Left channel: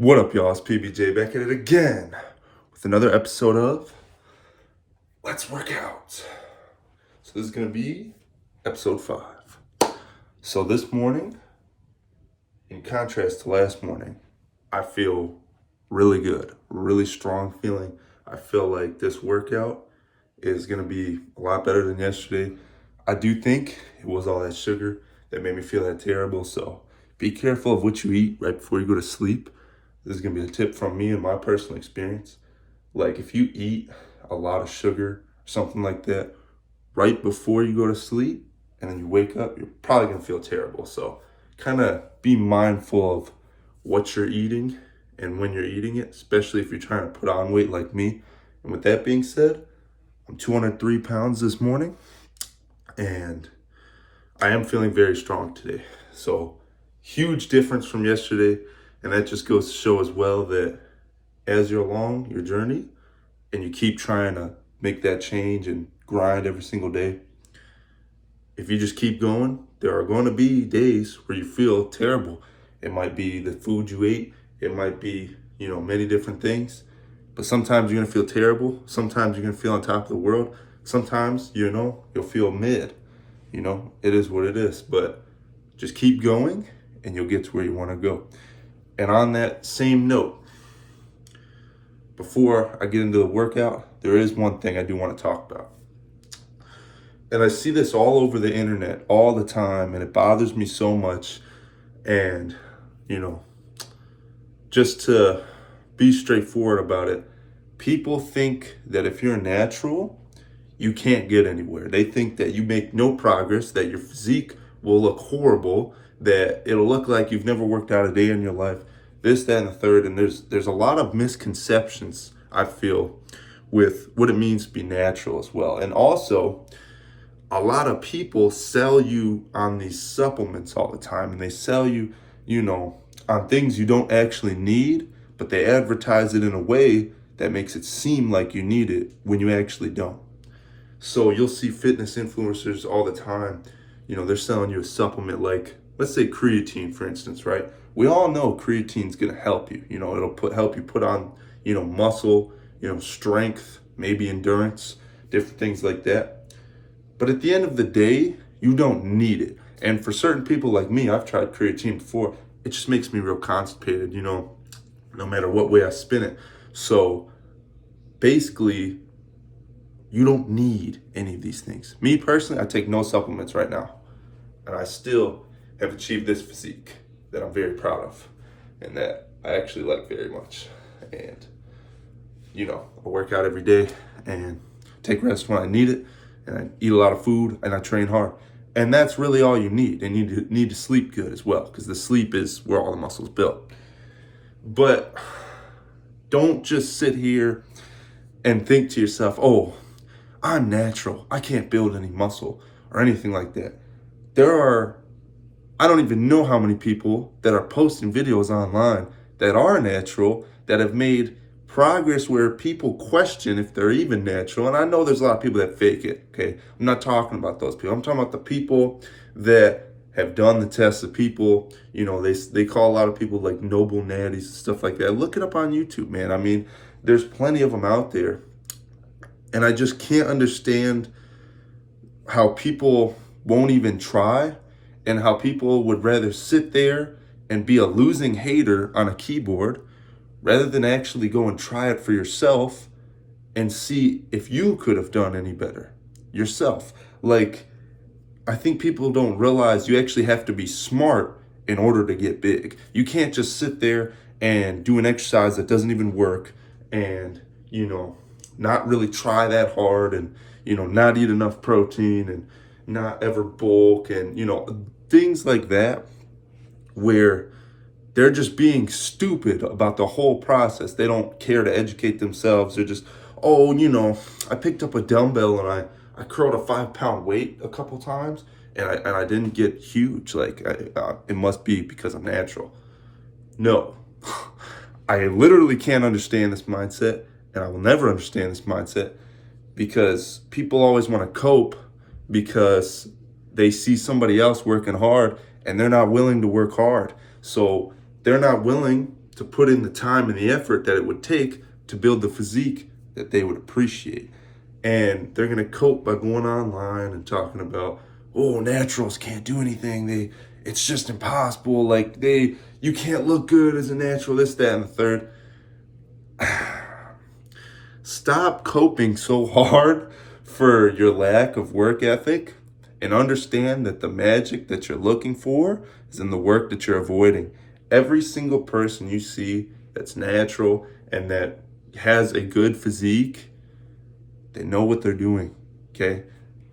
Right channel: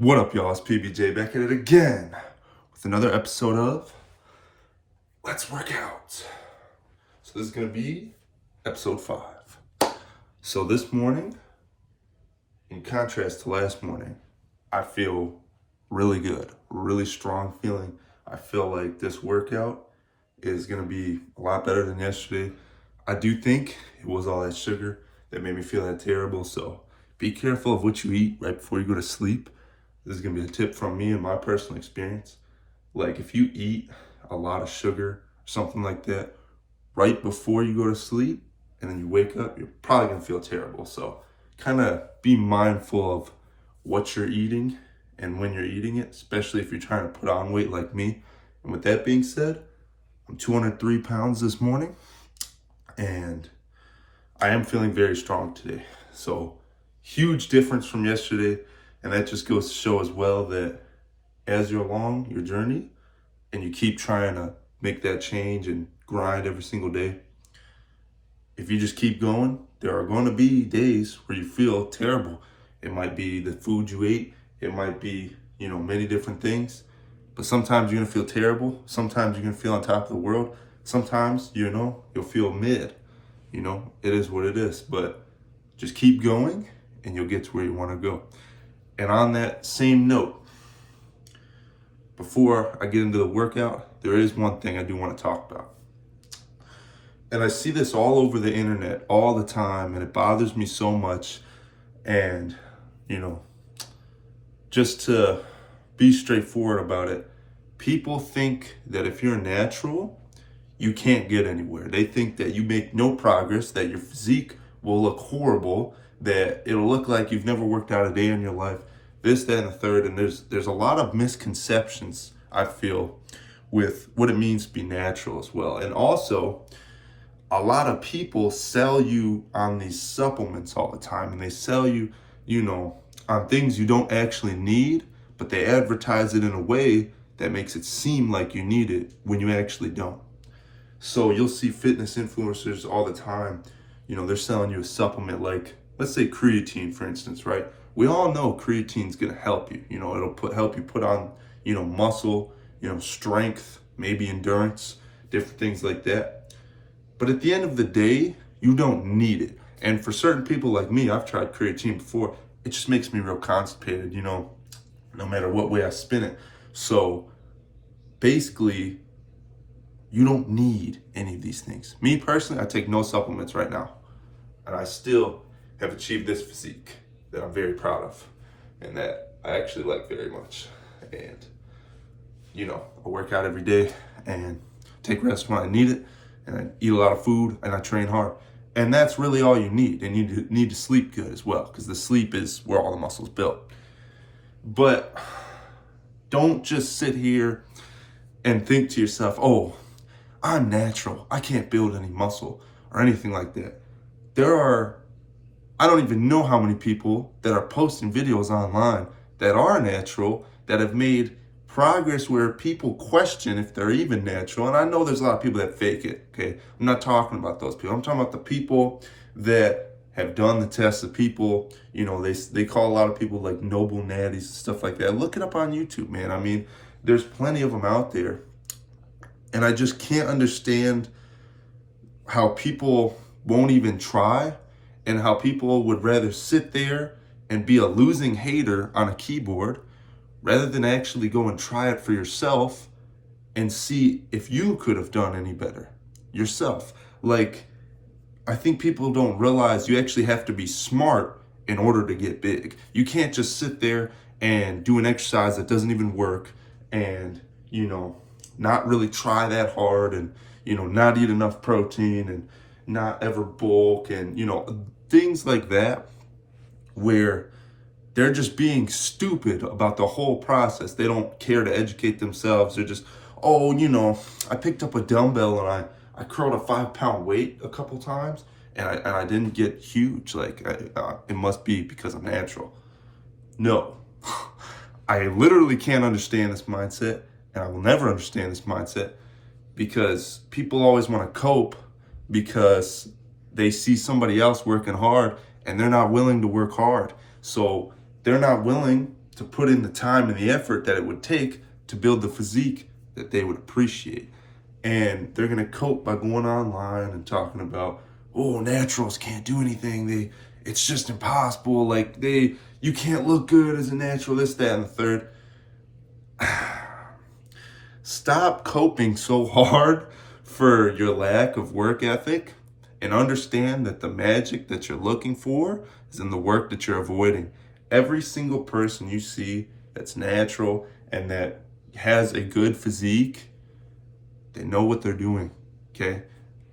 What up, y'all? It's PBJ back at it again with another episode of Let's Work Out. So this is going to be episode 5. So this morning, in contrast to last morning, I feel really good, really strong feeling. I feel like this workout is going to be a lot better than yesterday. I do think it was all that sugar that made me feel that terrible. So be careful of what you eat right before you go to sleep. This is going to be a tip from me and my personal experience. Like if you eat a lot of sugar, something like that, right before you go to sleep and then you wake up, you're probably going to feel terrible. So kind of be mindful of what you're eating and when you're eating it, especially if you're trying to put on weight like me. And with that being said, I'm 203 pounds this morning and I am feeling very strong today. So huge difference from yesterday. And that just goes to show as well that as you're along your journey and you keep trying to make that change and grind every single day, if you just keep going, there are going to be days where you feel terrible. It might be the food you ate. It might be, many different things. But sometimes you're going to feel terrible. Sometimes you're going to feel on top of the world. Sometimes, you'll feel mid. It is what it is. But just keep going and you'll get to where you want to go. And on that same note, before I get into the workout, there is one thing I do want to talk about. And I see this all over the internet all the time, and it bothers me so much. And, just to be straightforward about it, people think that if you're natural, you can't get anywhere. They think that you make no progress, that your physique will look horrible, that it'll look like you've never worked out a day in your life, this, that, and the third. And there's a lot of misconceptions, I feel, with what it means to be natural as well. And also, a lot of people sell you on these supplements all the time, and they sell you, on things you don't actually need, but they advertise it in a way that makes it seem like you need it when you actually don't. So you'll see fitness influencers all the time, they're selling you a supplement like, let's say creatine, for instance, right? We all know creatine's gonna help you. It'll help you put on, muscle, strength, maybe endurance, different things like that. But at the end of the day, you don't need it. And for certain people like me, I've tried creatine before. It just makes me real constipated, no matter what way I spin it. So basically, you don't need any of these things. Me personally, I take no supplements right now. And I still have achieved this physique that I'm very proud of and that I actually like very much. And, I work out every day and take rest when I need it. And I eat a lot of food and I train hard. And that's really all you need. And you need to sleep good as well, because the sleep is where all the muscle's built. But don't just sit here and think to yourself, oh, I'm natural, I can't build any muscle or anything like that. I don't even know how many people that are posting videos online that are natural, that have made progress where people question if they're even natural. And I know there's a lot of people that fake it, okay? I'm not talking about those people. I'm talking about the people that have done the tests, the people, they call a lot of people like noble natties and stuff like that. Look it up on YouTube, man. I mean, there's plenty of them out there. And I just can't understand how people won't even try, and how people would rather sit there and be a losing hater on a keyboard rather than actually go and try it for yourself and see if you could have done any better yourself. Like, I think people don't realize you actually have to be smart in order to get big. You can't just sit there and do an exercise that doesn't even work and, not really try that hard and, not eat enough protein and not ever bulk and, things like that, where they're just being stupid about the whole process. They don't care to educate themselves. They're just, I picked up a dumbbell and I curled a 5-pound weight a couple times and I didn't get huge. Like, it must be because I'm natural. No, I literally can't understand this mindset, and I will never understand this mindset, because people always want to cope because they see somebody else working hard and they're not willing to work hard. So they're not willing to put in the time and the effort that it would take to build the physique that they would appreciate. And they're going to cope by going online and talking about, oh, naturals can't do anything. It's just impossible. Like you can't look good as a natural, this, that, and the third. Stop coping so hard for your lack of work ethic and understand that the magic that you're looking for is in the work that you're avoiding. Every single person you see that's natural and that has a good physique, they know what they're doing, okay?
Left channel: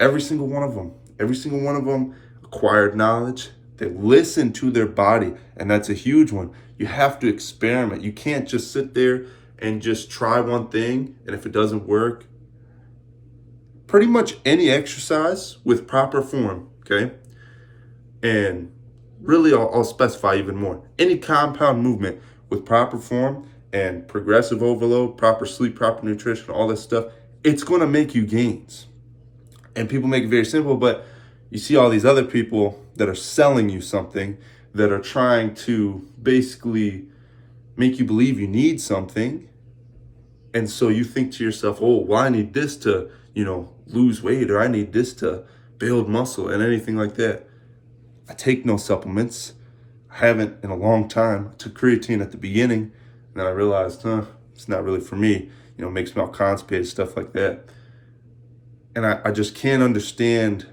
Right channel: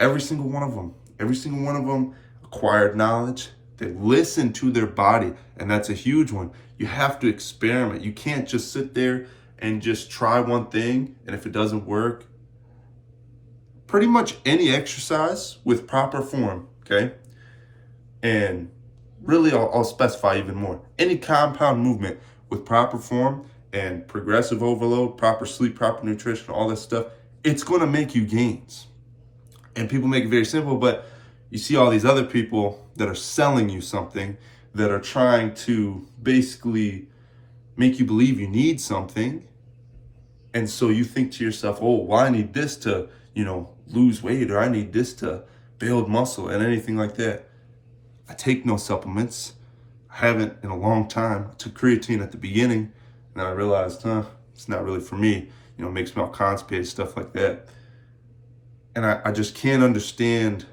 Every single one of them acquired knowledge. They listen to their body, and that's a huge one. You have to experiment. You can't just sit there and just try one thing, and if it doesn't work, pretty much any exercise with proper form, okay? And really, I'll specify even more. Any compound movement with proper form and progressive overload, proper sleep, proper nutrition, all this stuff, it's going to make you gains. And people make it very simple, but you see all these other people that are selling you something, that are trying to basically make you believe you need something. And so you think to yourself, oh, well, I need this to, lose weight, or I need this to build muscle and anything like that. I take no supplements. I haven't in a long time. I took creatine at the beginning, and then I realized, it's not really for me. It makes me all constipated, stuff like that. And I just can't understand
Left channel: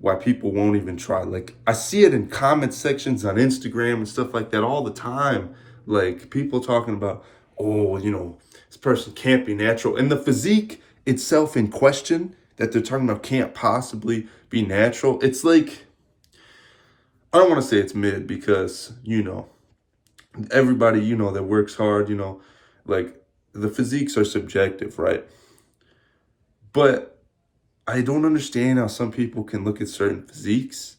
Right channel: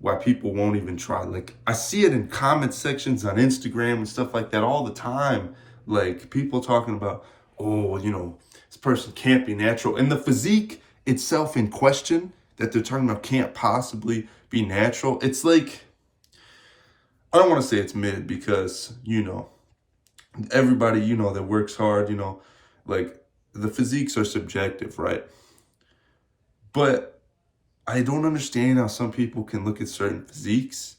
why people won't even try. Like, I see it in comment sections on Instagram and stuff like that all the time. Like, people talking about, oh, this person can't be natural. And the physique itself in question that they're talking about can't possibly be natural. It's like, I don't want to say it's mid because, everybody, that works hard, like the physiques are subjective, right? But I don't understand how some people can look at certain physiques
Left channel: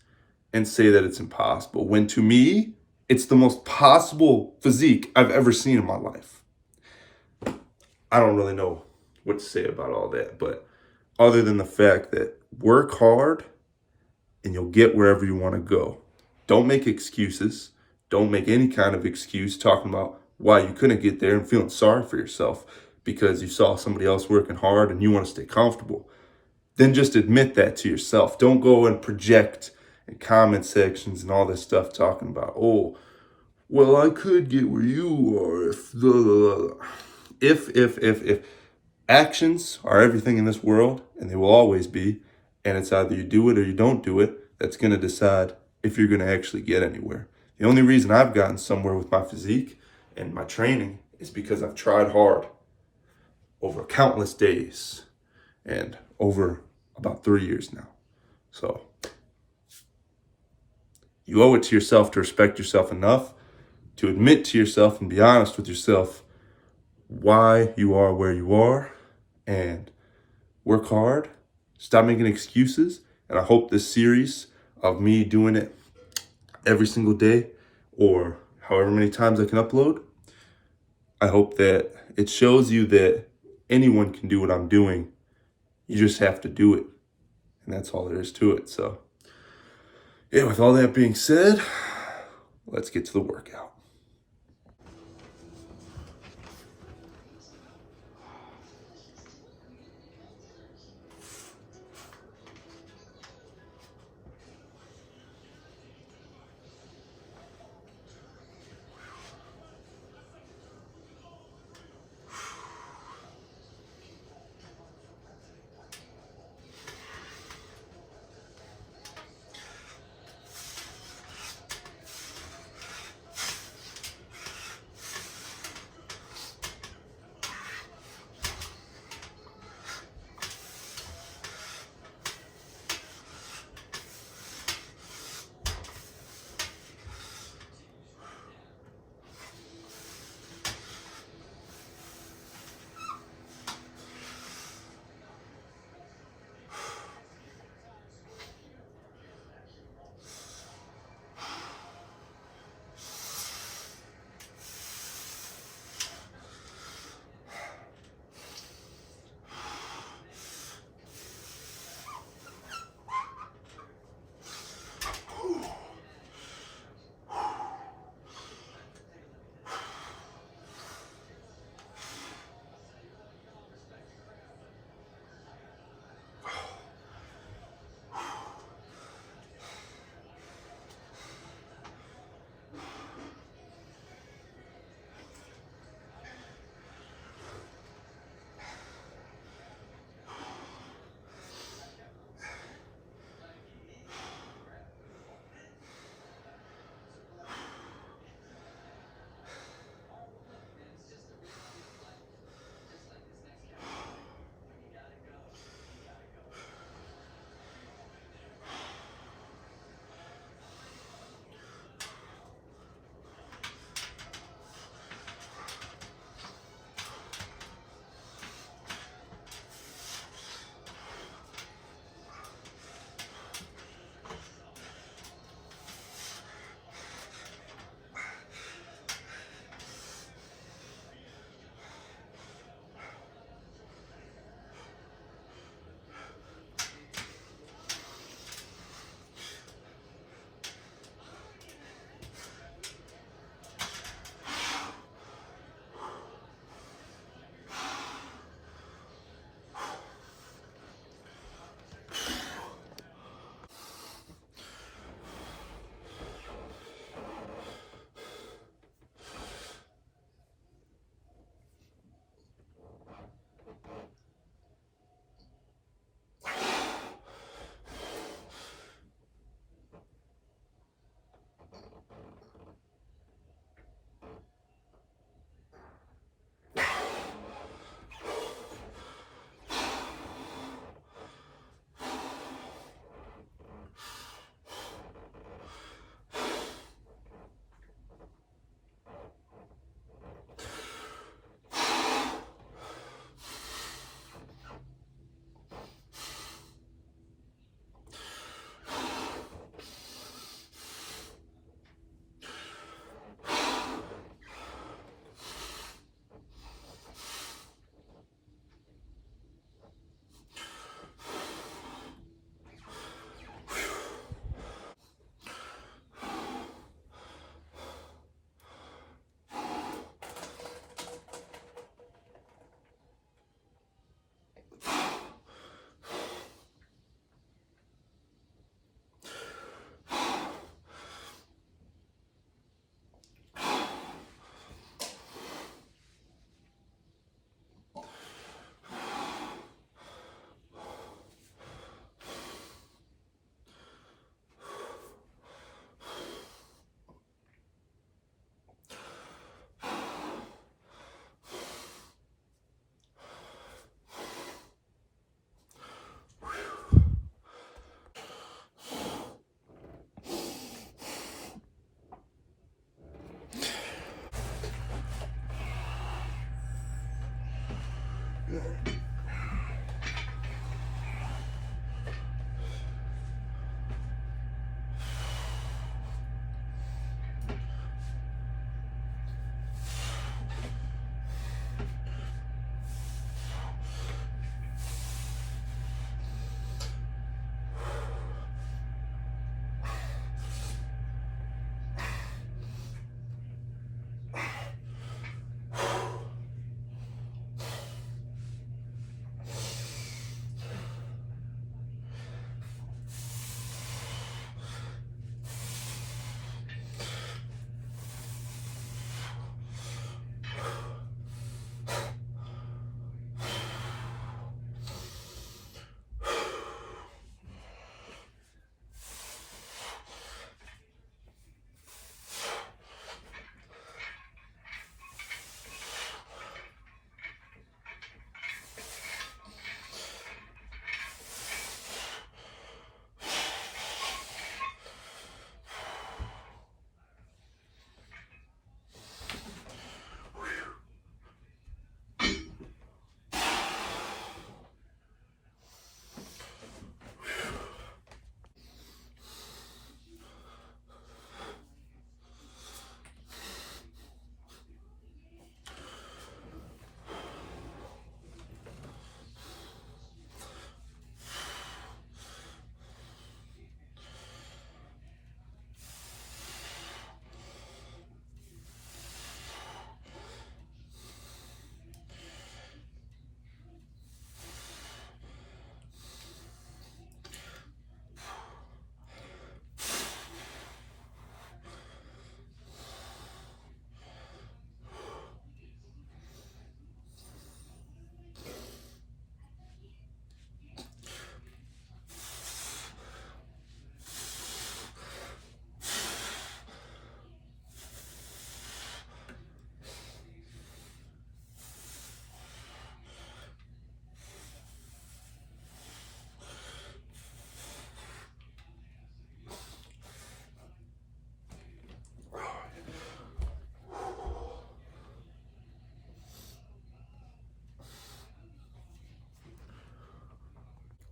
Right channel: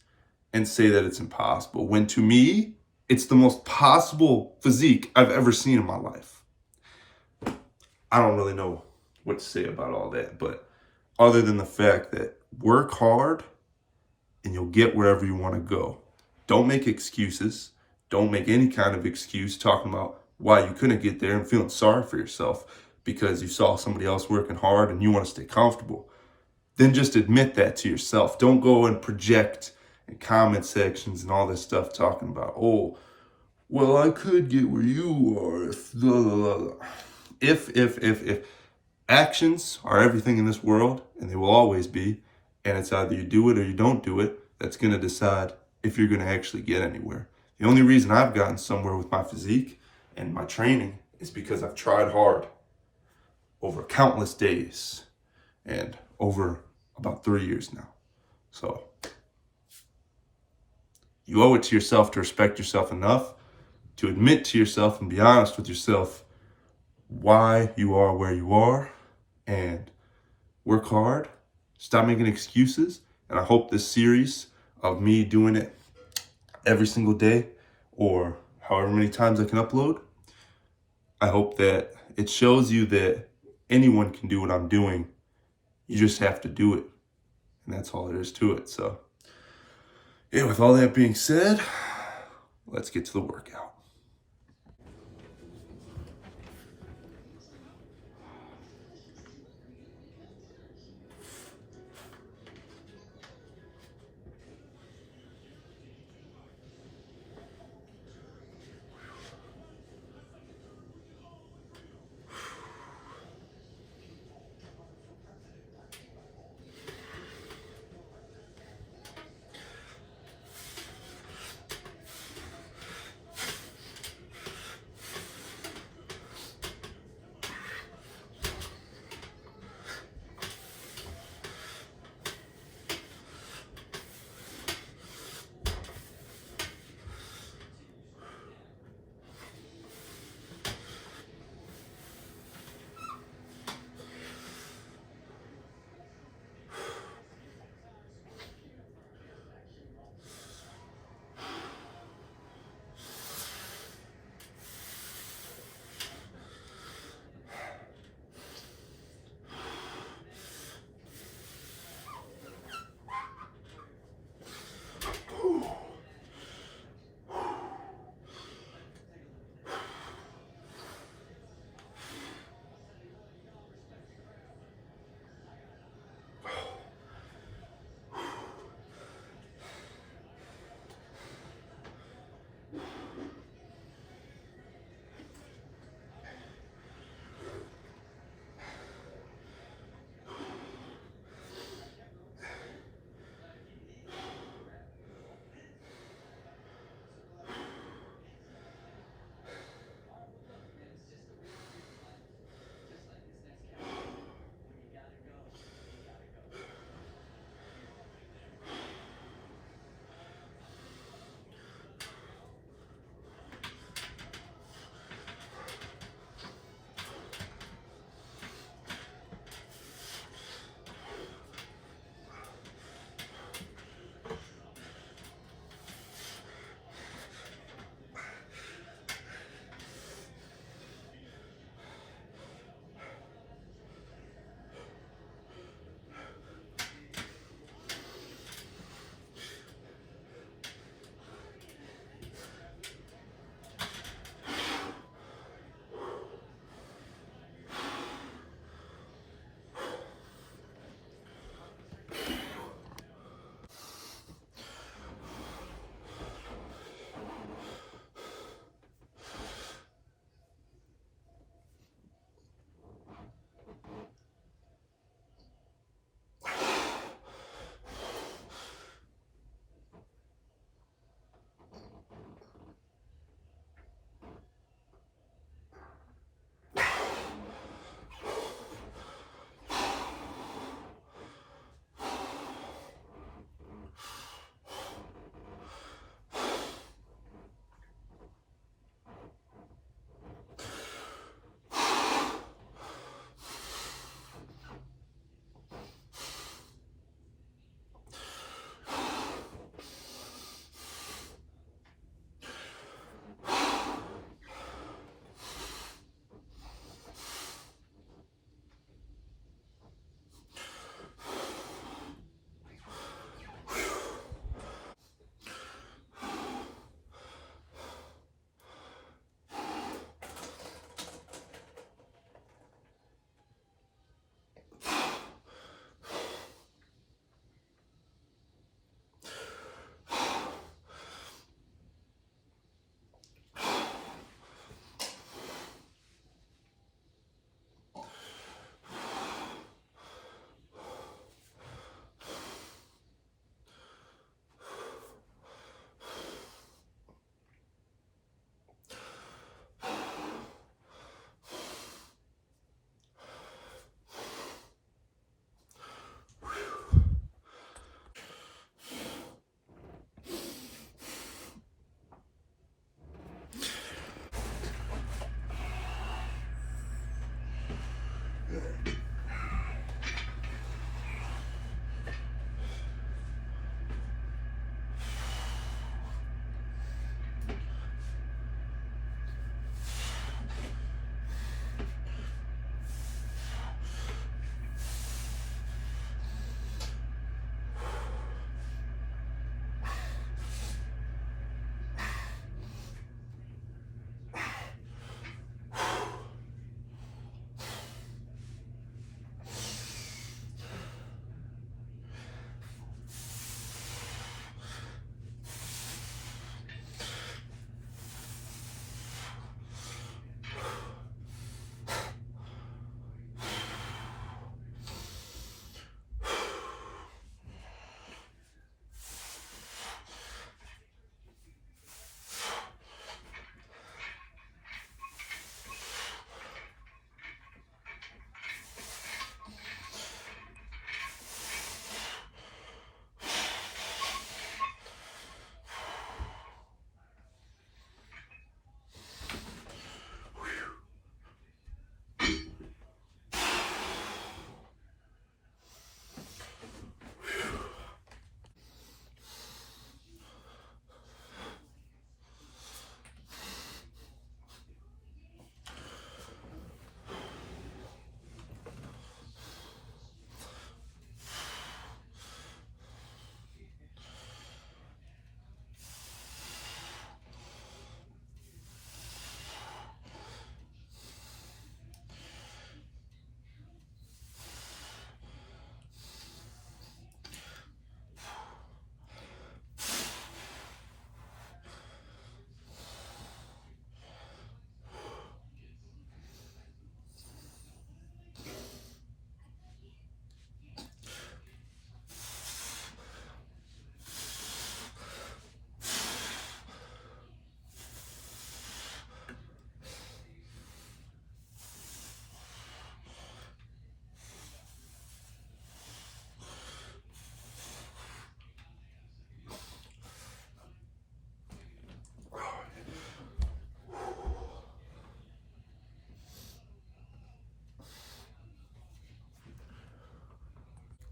and say that it's impossible, when to me, it's the most possible physique I've ever seen in my life. I don't really know what to say about all that, but other than the fact that work hard and you'll get wherever you want to go. Don't make excuses. Don't make any kind of excuse talking about why you couldn't get there and feeling sorry for yourself because you saw somebody else working hard and you want to stay comfortable. Then just admit that to yourself. Don't go and project in comment sections and all this stuff talking about, oh, well, I could get where you are if blah, blah, blah. If actions are everything in this world, and they will always be, and it's either you do it or you don't do it, that's going to decide if you're going to actually get anywhere. The only reason I've gotten somewhere with my physique and my training is because I've tried hard over countless days and over about 3 years now. So you owe it to yourself to respect yourself enough to admit to yourself and be honest with yourself why you are where you are, and work hard. Stop making excuses. And I hope this series of me doing it every single day or however many times I can upload, I hope that it shows you that anyone can do what I'm doing. You just have to do it. And that's all there is to it. So, yeah, with all that being said, let's get to the workout.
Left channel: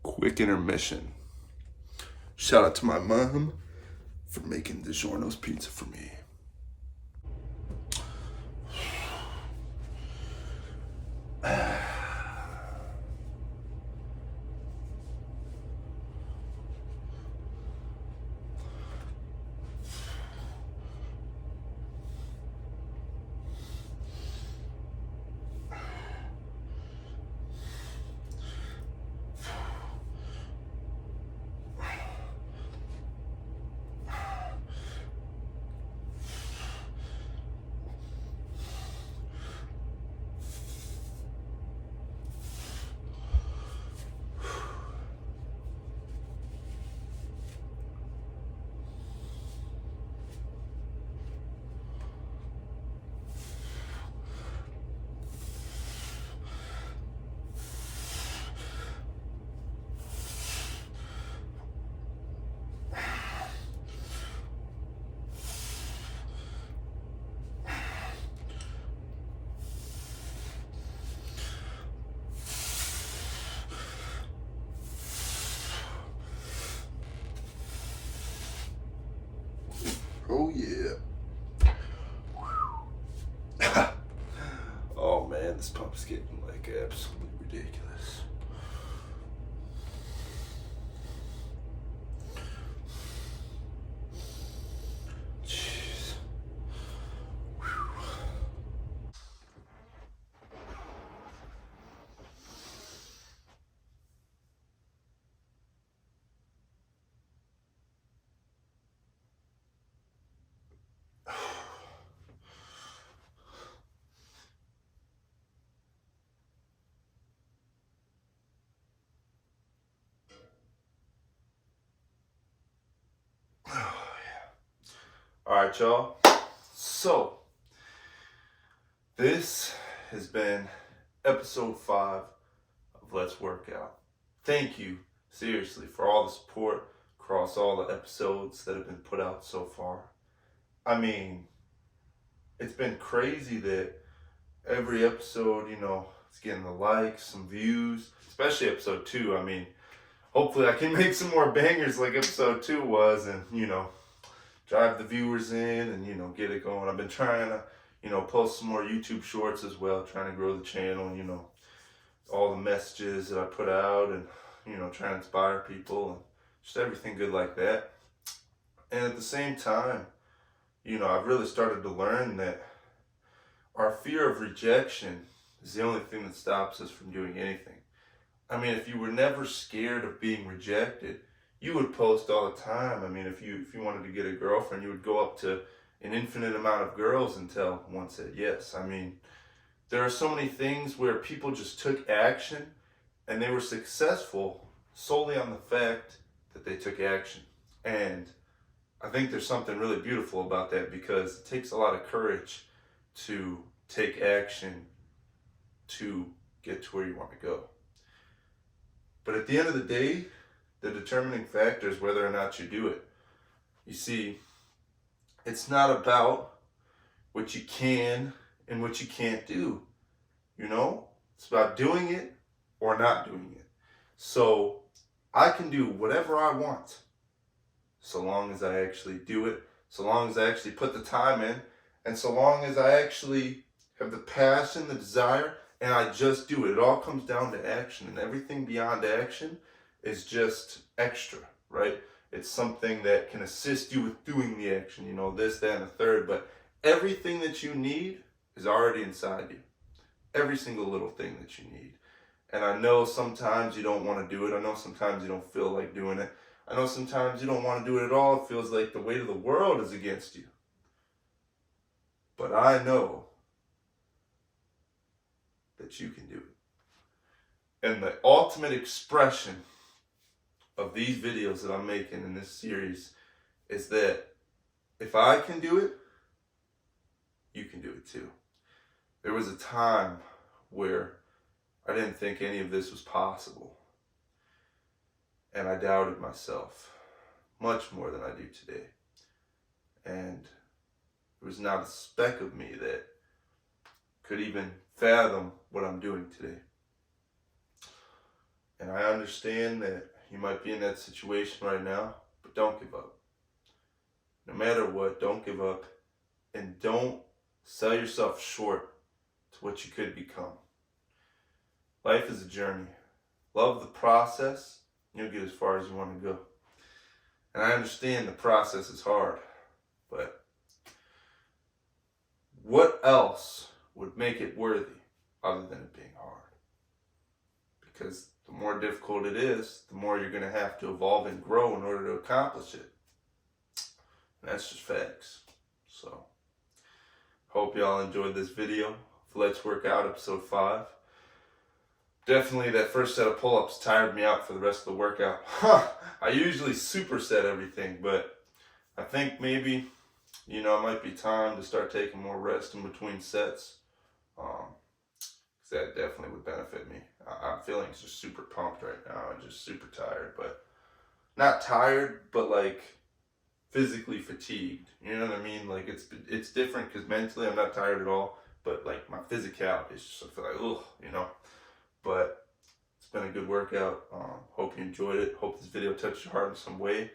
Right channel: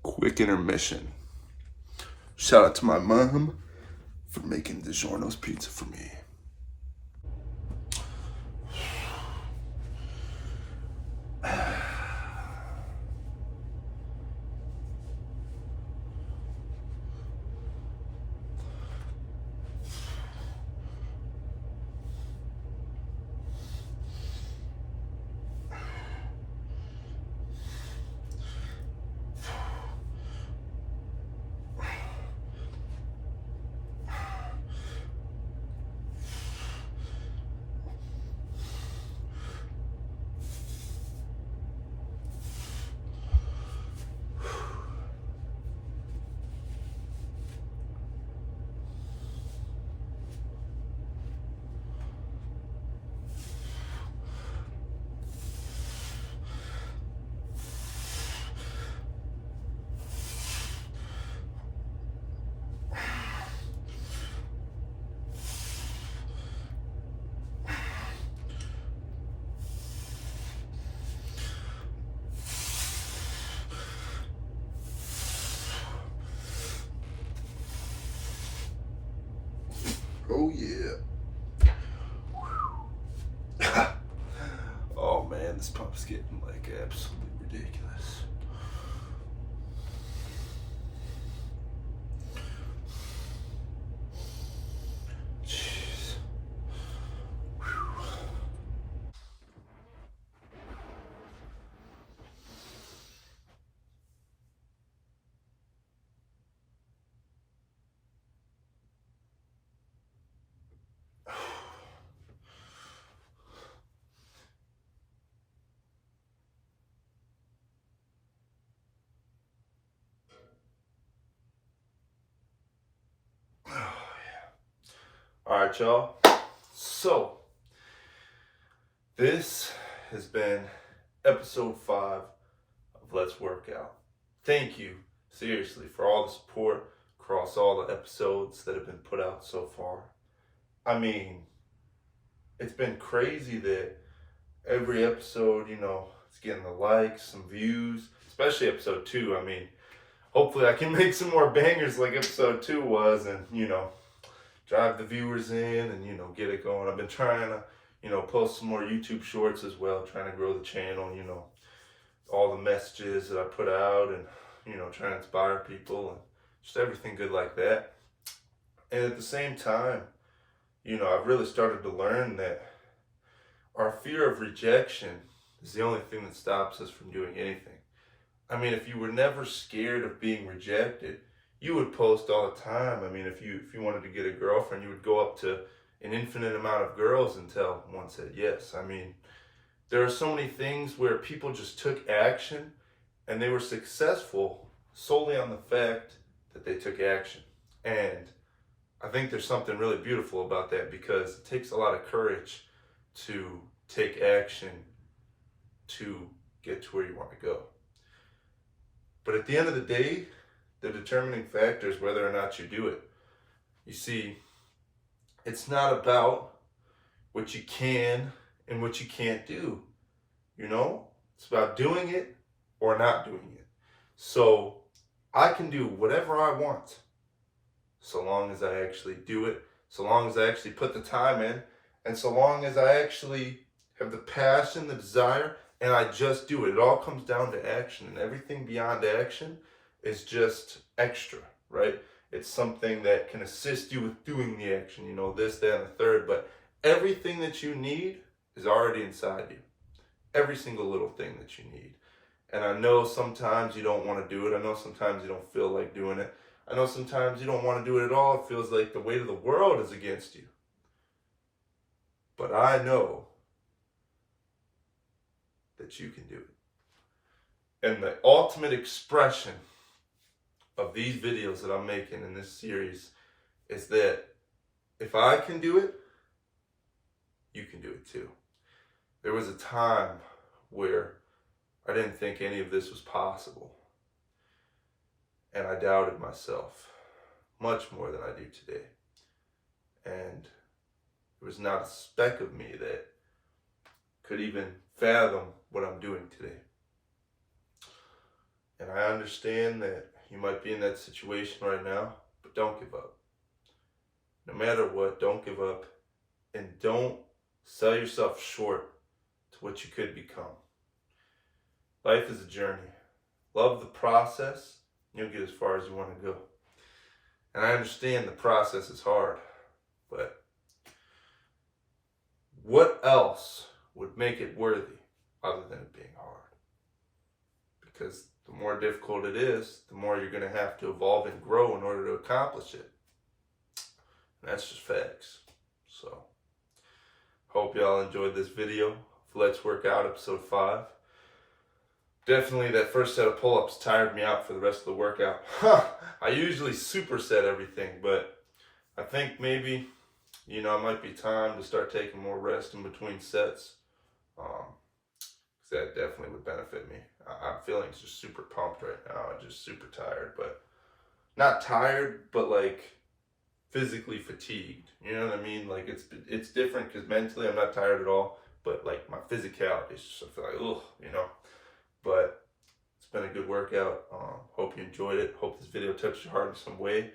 Quick intermission. Shout out to my mom for making DiGiorno's pizza for me. Oh yeah. Oh man, this pump's getting like absolutely ridiculous. Jeez. All right, y'all. So, this has been episode 5 of Let's Work Out. Thank you, seriously, for all the support across all the episodes that have been put out so far. I mean, it's been crazy that every episode, It's getting the likes, some views, especially episode 2. I mean, hopefully I can make some more bangers like episode 2 was, and, drive the viewers in and, get it going. I've been trying to, post some more YouTube shorts as well, trying to grow the channel, all the messages that I put out and, trying to inspire people and just everything good like that. And at the same time, I've really started to learn that our fear of rejection is the only thing that stops us from doing anything. I mean, if you were never scared of being rejected, you would post all the time. I mean, if you wanted to get a girlfriend, you would go up to an infinite amount of girls until one said yes. I mean, there are so many things where people just took action and they were successful solely on the fact that they took action. And I think there's something really beautiful about that, because it takes a lot of courage to take action to get to where you want to go. But at the end of the day, the determining factor is whether or not you do it. You see, it's not about what you can and what you can't do. It's about doing it or not doing it. So I can do whatever I want, so long as I actually do it, so long as I actually put the time in, and so long as I actually have the passion, the desire, and I just do it. It all comes down to action, and everything beyond action is just extra, right? It's something that can assist you with doing the action, this, that, and the third, but everything that you need is already inside you. Every single little thing that you need. And I know sometimes you don't want to do it. I know sometimes you don't feel like doing it. I know sometimes you don't want to do it at all. It feels like the weight of the world is against you. But I know that you can do it. And the ultimate expression of these videos that I'm making in this series is that if I can do it, you can do it too. There was a time where I didn't think any of this was possible. And I doubted myself much more than I do today. And there was not a speck of me that could even fathom what I'm doing today. And I understand that you might be in that situation right now, but don't give up. No matter what, don't give up, and don't sell yourself short to what you could become. Life is a journey. Love the process, and you'll get as far as you want to go. And I understand the process is hard, but what else would make it worthy other than it being hard? Because the more difficult it is, the more you're going to have to evolve and grow in order to accomplish it. And that's just facts. So, hope y'all enjoyed this video. Let's Work Out episode 5. Definitely that first set of pull-ups tired me out for the rest of the workout. I usually superset everything, but I think maybe, it might be time to start taking more rest in between sets. That definitely would benefit me. I'm feeling just super pumped right now. I'm just super tired, but not tired, but like physically fatigued. You know what I mean? Like it's different because mentally I'm not tired at all, but like my physicality is just, I feel like, ugh, But it's been a good workout. Hope you enjoyed it. Hope this video touched your heart in some way.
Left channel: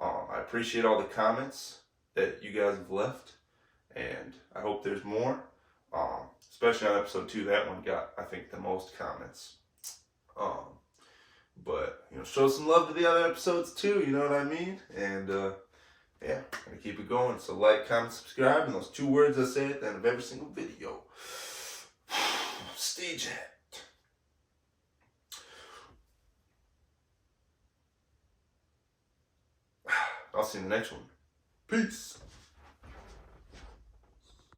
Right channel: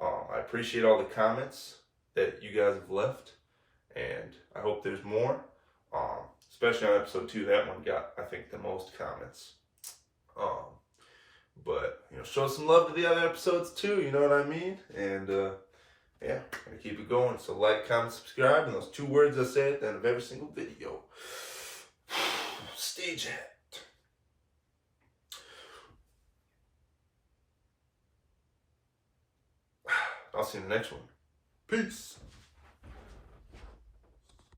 I appreciate all the comments that you guys have left, and I hope there's more. Especially on episode 2, that one got, I think, the most comments. But show some love to the other episodes too. You know what I mean? And yeah, gonna keep it going. So like, comment, subscribe, and those 2 words I say at the end of every single video. Stay jacked. I'll see you in the next one. Peace.